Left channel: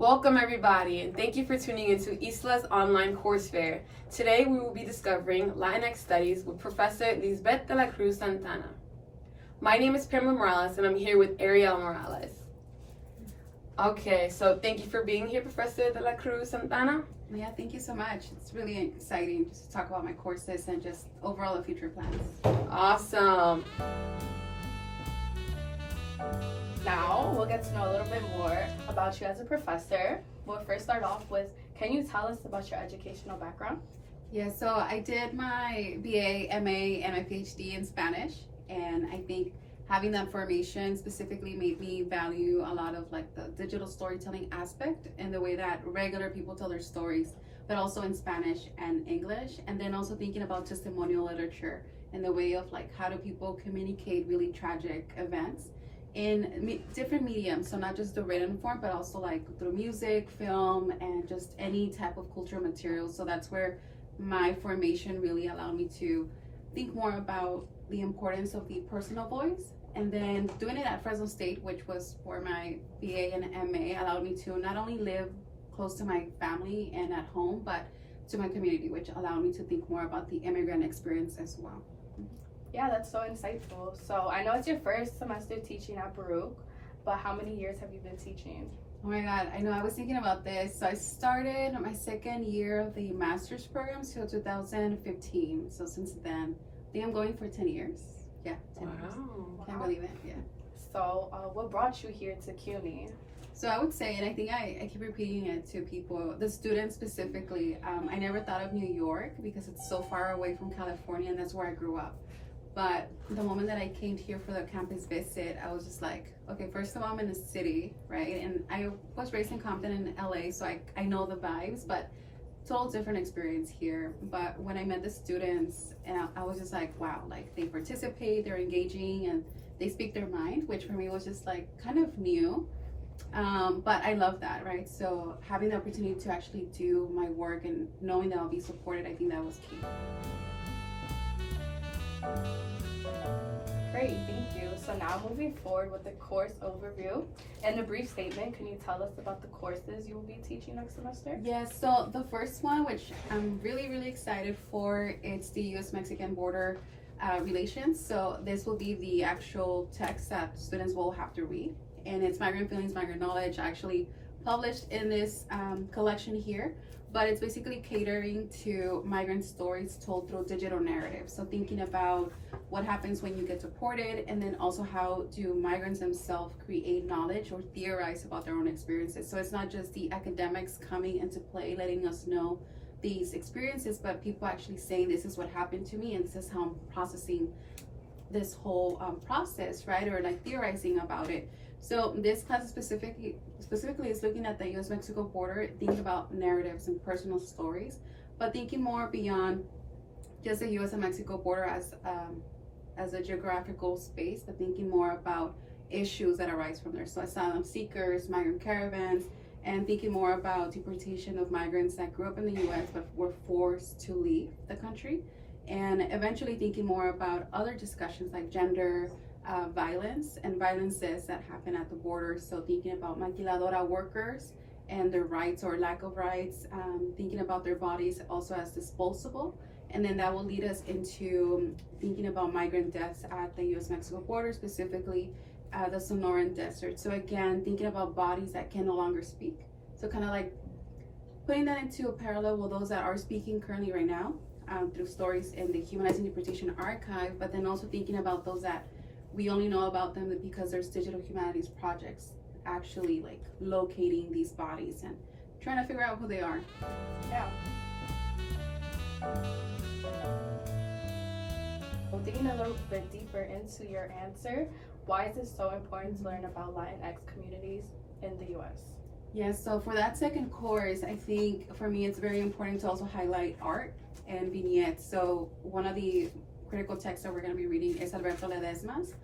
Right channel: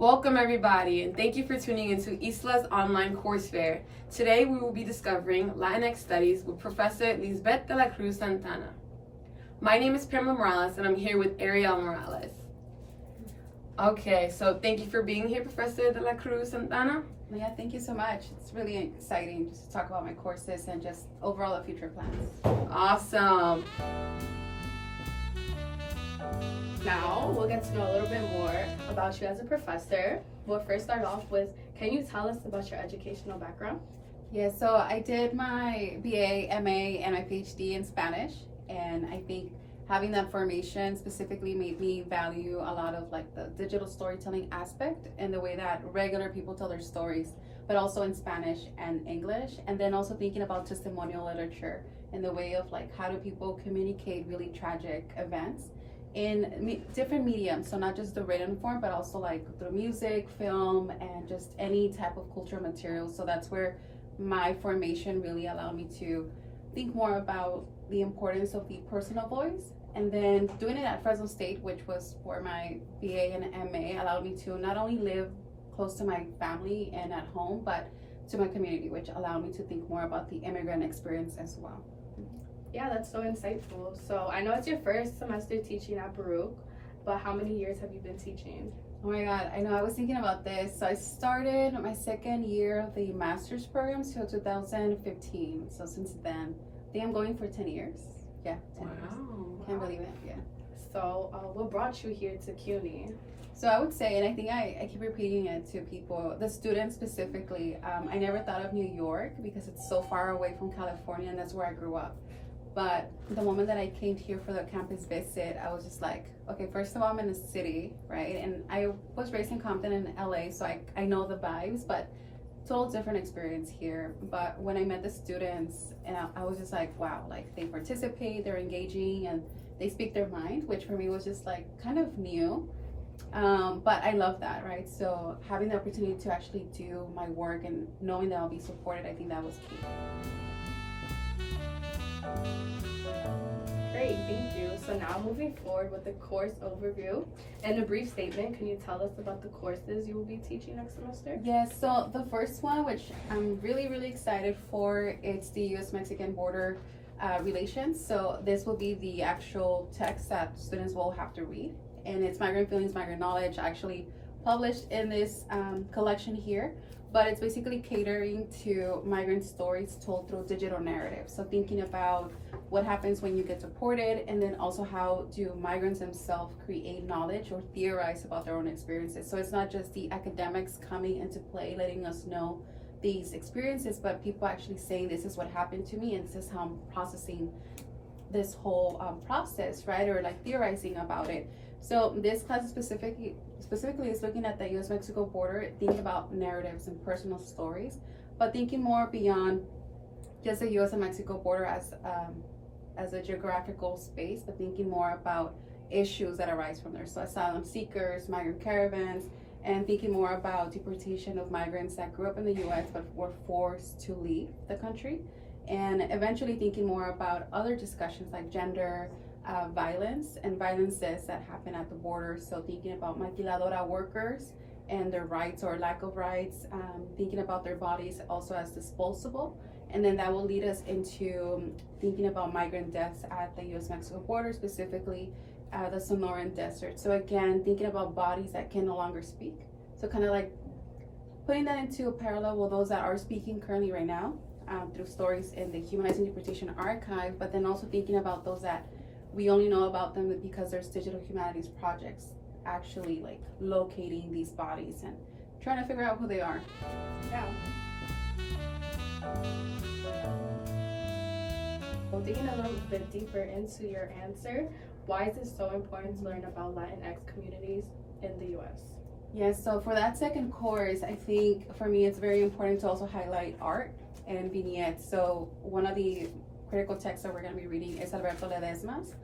Welcome everybody, and thank you for tuning into ISLA'S online course fair. Today we will be discovering Latinx studies with Professor Lizbeth de la Cruz Santana. My name is Pamela Morales, and I'm here with Ariel Morales. Okay, so thank you for being here, Professor de la Cruz Santana. Yeah, thank you so much. It's really exciting just to talk about my courses and just overall the future plans. Awesome. Now we'll get to know a little bit more about you as a professor. We'll first start off with, can you tell us about your educational background? Yeah, so I did my BA, MA, and my PhD in Spanish, and I think having that formation specifically made me value a lot of like the digital storytelling aspect and the way that regular people tell their stories, but also in Spanish and English, and then also thinking about testimonial literature and the way of like how do people communicate really tragic events in different mediums, so not just the written form, but also like through music, film, and just any type of cultural material. So that's where my formation really allowed me to think more about the importance of the personal voice. And then doing it at Fresno State, which was for my BA and MA, allowed me to not only live close to my family and at home, but to my community, which allowed me to think more about the immigrant experience as well. Yeah, that's so insightful. So I know it's your first semester teaching at Baruch, but how many years have you been teaching? Oh my God, I know, I was thinking about this. So I started my second year of the master's program, so 2015. So since then, I think I'm going for 10 years. Yeah, 10 years. Can't believe it, yeah. So what brought you here to CUNY? So I would say, and I think I keep repeating it to people, the students specifically, I never thought of New York because it's so far away from California, and that's where I grew up. But the moment that I came here for the campus visit, I was just like, okay, first of all, I'm in the city, right? And I was raised in Compton in LA, so I know the vibes, but total different experience here. But when I met the students, and I was just like, wow, like they participate, they're engaging, and they speak their mind, which for me was just like kind of new. But I love that, right? So having the opportunity to actually do my work and knowing that I'll be supported, I think that was key. Great, thank you. So now moving forward with the course overview and a brief statement, can you tell us about the courses you will be teaching next semester? Yes, so the first one, which I'm really, really excited for, it's the U.S.-Mexican border relations. So this will be the actual text that students will have to read. And it's Migrant Feelings, Migrant Knowledge, actually published in this collection here. But it's basically catering to migrant stories told through digital narratives. So thinking about what happens when you get deported, and then also how do migrants themselves create knowledge or theorize about their own experiences. So it's not just the academics coming into play, letting us know these experiences, but people actually saying this is what happened to me and this is how I'm processing this whole process, right? Or like theorizing about it. So this class specifically is looking at the U.S.-Mexico border, thinking about narratives and personal stories, but thinking more beyond just the U.S. and Mexico border as a geographical space, but thinking more about issues that arise from there. So asylum seekers, migrant caravans, and thinking more about deportation of migrants that grew up in the U.S. but were forced to leave the country, and eventually thinking more about other discussions like gender, violence and violences that happen at the border. So thinking about maquiladora workers and their rights or lack of rights, thinking about their bodies also as disposable. And then that will lead us into thinking about migrant deaths at the U.S.-Mexico border, specifically the Sonoran Desert. So again, thinking about bodies that can no longer speak. So kind of like putting that into a parallel with those that are speaking currently right now through stories in the Humanizing Deportation Archive, but then also thinking about those that we only know about them because there's digital humanities projects actually like locating these bodies and trying to figure out who they are. Yeah. Well, digging a little bit deeper into your answer, why is it so important to learn about Latinx communities in the U.S.? Yes, so for that second course, I think for me it's very important to also highlight art and vignettes. So one of the critical text that we're going to be reading is Alberto Ledesma's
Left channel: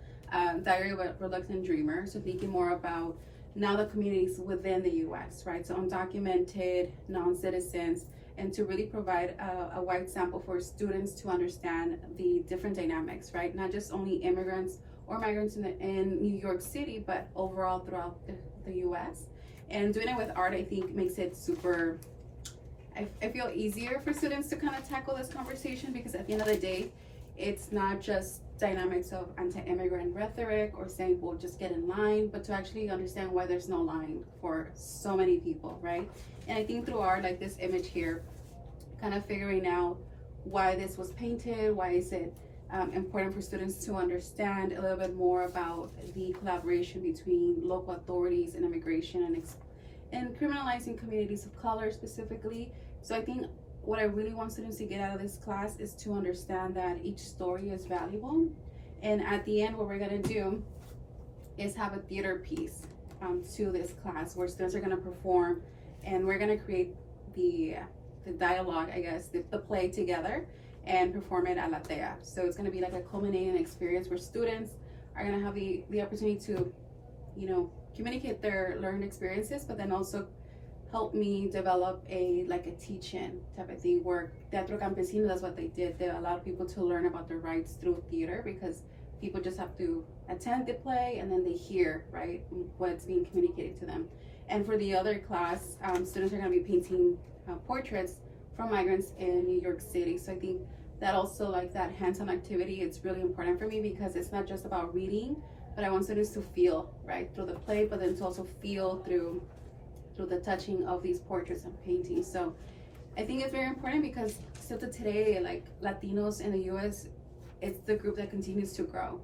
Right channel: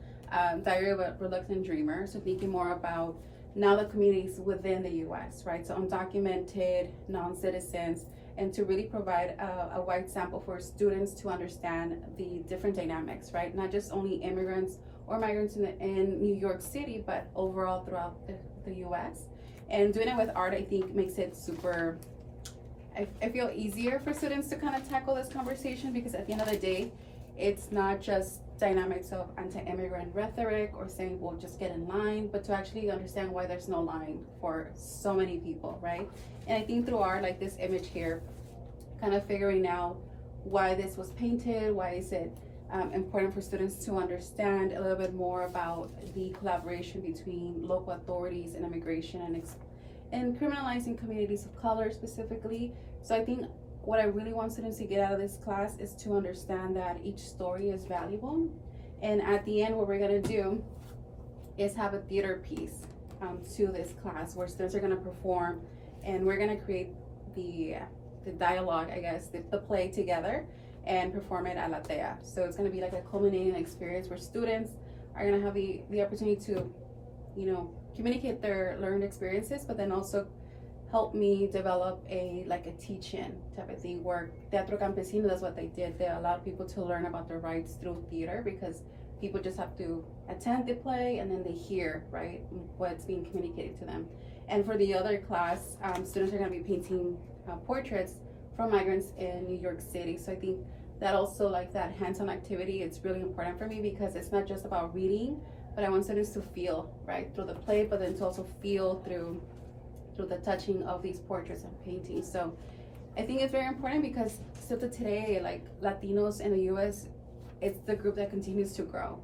Diary of a Reluctant Dreamer. So thinking more about now the communities within the U.S., right? So undocumented, non-citizens, and to really provide a wide sample for students to understand the different dynamics, right? Not just only immigrants or migrants in New York City, but overall throughout the U.S. And doing it with art, I think, makes it super, I feel easier for students to kind of tackle this conversation, because at the end of the day, it's not just dynamics of anti-immigrant rhetoric or saying, well, just get in line, but to actually understand why there's no line for so many people, right? And I think through art, like this image here, kind of figuring out why this was painted, why is it important for students to understand a little bit more about the collaboration between local authorities and immigration and criminalizing communities of color specifically. So I think what I really want students to get out of this class is to understand that each story is valuable. And at the end, what we're gonna do is have a theater piece to this class where students are gonna perform, and we're gonna create the dialogue, I guess, the play together and perform it at La Tea. So it's gonna be like a culminating experience where students are gonna have the opportunity to, you know, communicate their learned experiences, but then also help me develop a teach-in type of thing, where Teatro Campesino, that's what they did. They allowed people to learn about their rights through theater, because people just have to attend the play and then they hear, right, what's being communicated to them. And for the other class, students are gonna be painting portraits from migrants in New York City. So I think that also, like that hands-on activity, it's really important for me, because it's not just about reading, but I want students to feel, right, through the play, but then to also feel through the touching of these portraits and paintings. So I think it's very important, because still to today, like Latinos in the US, it's the group that continues to grow.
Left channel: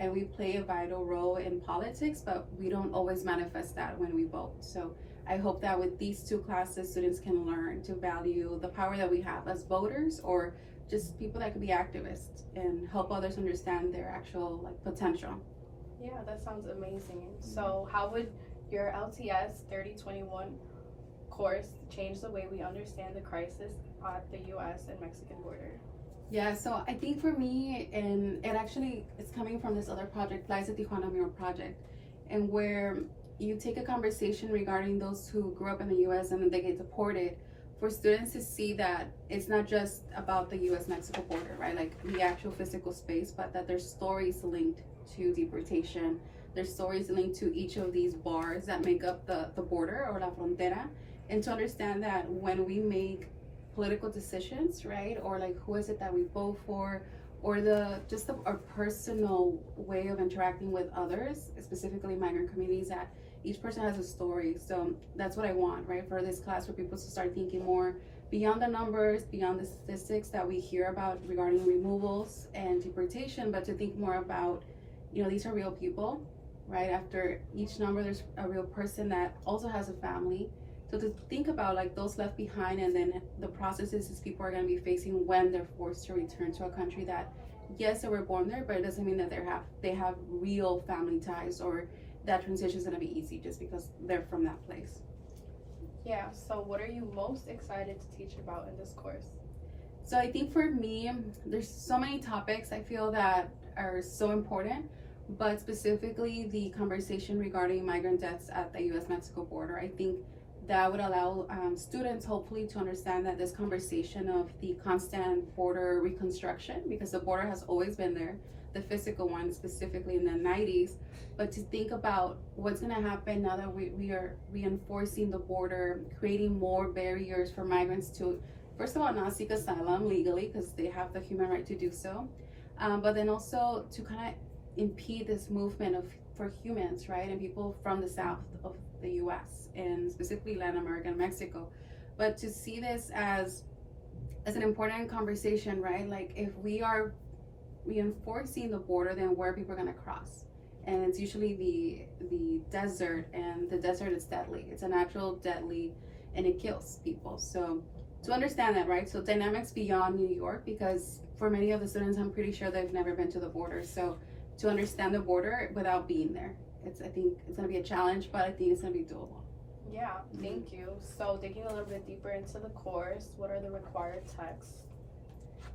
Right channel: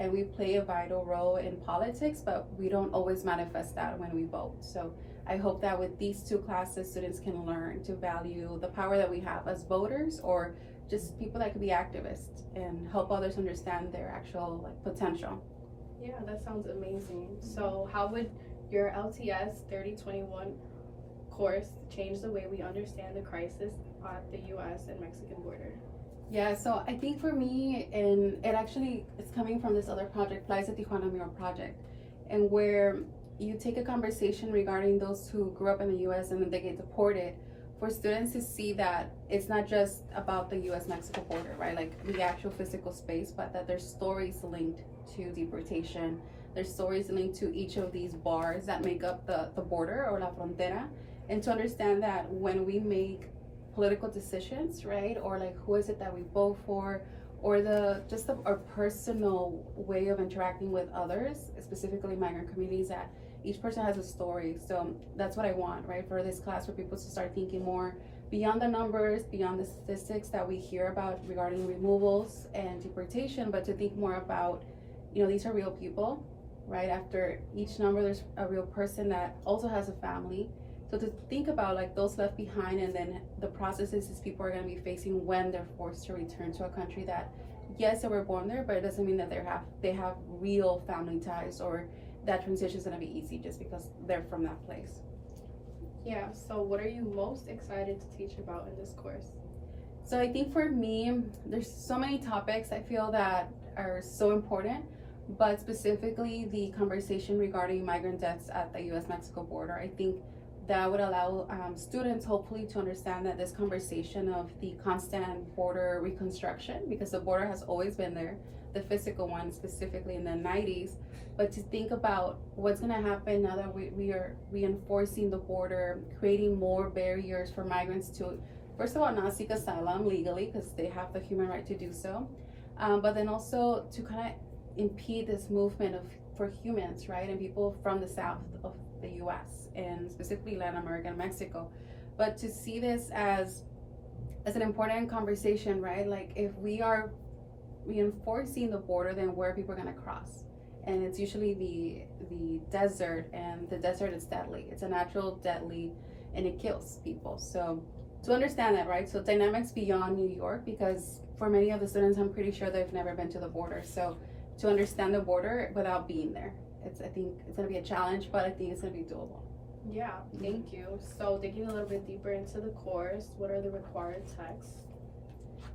And we play a vital role in politics, but we don't always manifest that when we vote. So I hope that with these two classes, students can learn to value the power that we have as voters, or just people that could be activists, and help others understand their actual potential. Yeah, that sounds amazing. So how would your LTS 3021 course change the way we understand the crisis at the US and Mexican border? Yeah, so I think for me, and it's coming from this other project, Flies at Tijuana Mural Project, and where you take a conversation regarding those who grew up in the US and then they get deported, for students to see that it's not just about the US-Mexico border, right? Like the actual physical space, but that there's stories linked to deportation. There's stories linked to each of these bars that make up the border, or la frontera, and to understand that when we make political decisions, right, or like who is it that we vote for, or our personal way of interacting with others, specifically migrant communities, that each person has a story. So that's what I want, right, for this class, for people to start thinking more beyond the numbers, beyond the statistics that we hear about regarding removals and deportation, but to think more about, these are real people, right? After each number, there's a real person that also has a family. So to think about like those left behind, and then the processes these people are going to be facing when they're forced to return to a country that, yes, they were born there, but it doesn't mean that they have real family ties, or that transition is going to be easy just because they're from that place. Yeah, so what are you most excited to teach about in this course? So I think for me, there's so many topics I feel that are so important, but specifically the conversation regarding migrant deaths at the US-Mexico border. I think that would allow students hopefully to understand that this conversation of the constant border reconstruction, because the border has always been there, the physical one specifically in the 90s, but to think about what's going to happen now that we are reinforcing the border, creating more barriers for migrants to, first of all, not seek asylum legally because they have the human right to do so, but then also to kind of impede this movement for humans, right, and people from the south of the US and specifically Latin America and Mexico. But to see this as an important conversation, right, like if we are reinforcing the border, then where are people going to cross? And it's usually the desert, and the desert is deadly. It's a natural deadly, and it kills people. So to understand that, right, so dynamics beyond New York, because for many of the students, I'm pretty sure they've never been to the border. So to understand the border without being there, I think it's going to be a challenge, but I think it's going to be doable. Yeah, thank you. So digging a little bit deeper into the course, what are the required texts?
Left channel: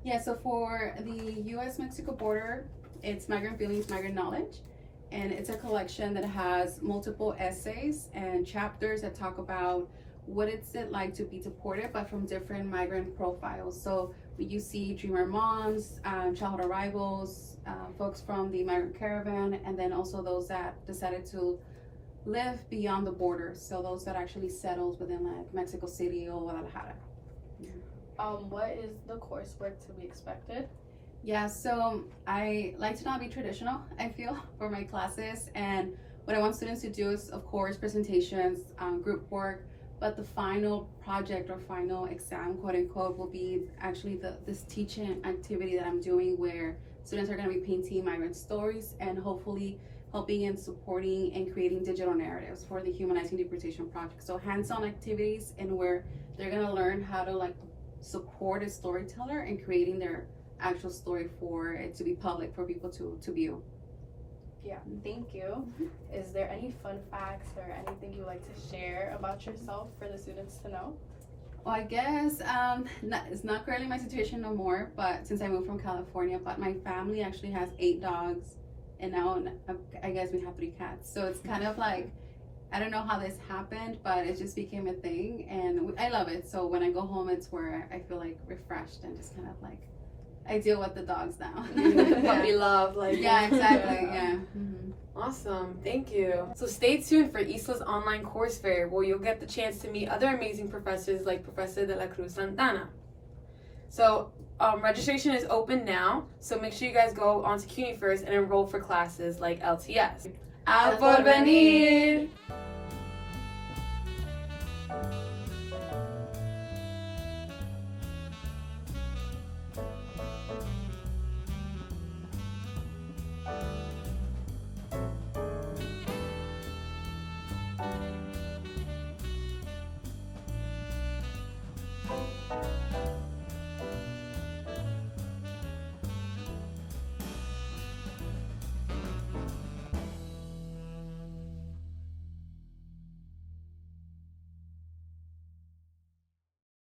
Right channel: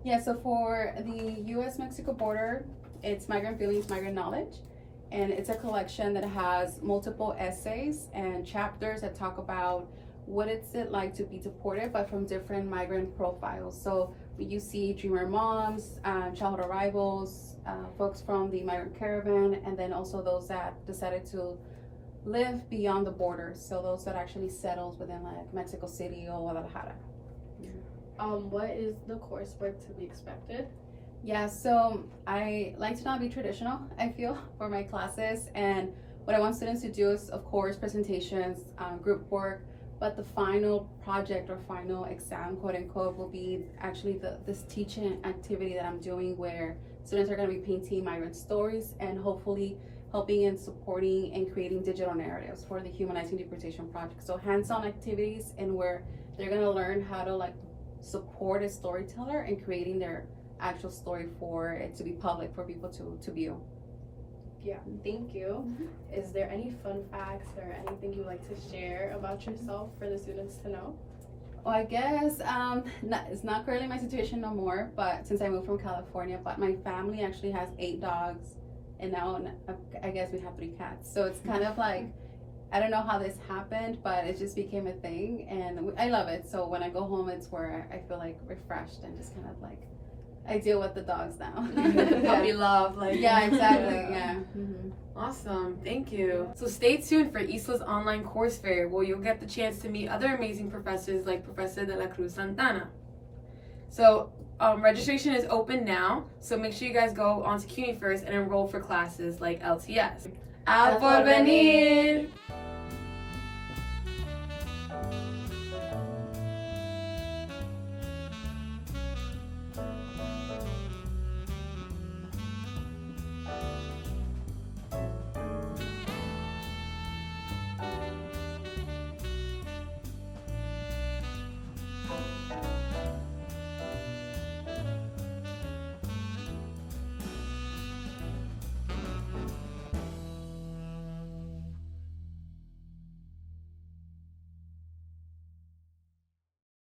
Yeah, so for the US-Mexico border, it's Migrant Feelings, Migrant Knowledge. And it's a collection that has multiple essays and chapters that talk about what it's like to be deported, but from different migrant profiles. So you see dreamer moms, childhood arrivals, folks from the migrant caravan, and then also those that decided to live beyond the border. So those that actually settles within like Mexico City or Guadalajara. What is the coursework to be expected? Yeah, so I like to not be traditional, I feel, for my classes. And what I want students to do is, of course, presentations, group work, but the final project or final exam, quote unquote, will be actually this teaching activity that I'm doing where students are going to be painting migrant stories and hopefully helping and supporting and creating digital narratives for the Humanizing Deportation Project. So hands-on activities and where they're going to learn how to like support a storyteller in creating their actual story for it to be public for people to view. Yeah, thank you. Is there any fun facts or anything you like to share about yourself for the students to know? Well, I guess it's not currently my situation no more, but since I moved from California, but my family actually has 8 dogs, and now I guess we have 3 cats. So it's kind of like, I don't know how this happened, but it just became a thing, and I love it. So when I go home, it's where I feel like refreshed and just kind of like I deal with the dogs now. Puppy love, like Yeah, exactly. Yeah. Awesome, thank you. So stay tuned for ISLA'S online course fair, where you'll get the chance to meet other amazing professors like Professor de la Cruz Santana. So registration is open now, so make sure you guys go onto CUNYfirst and enroll for classes like LTS. A Porvenir!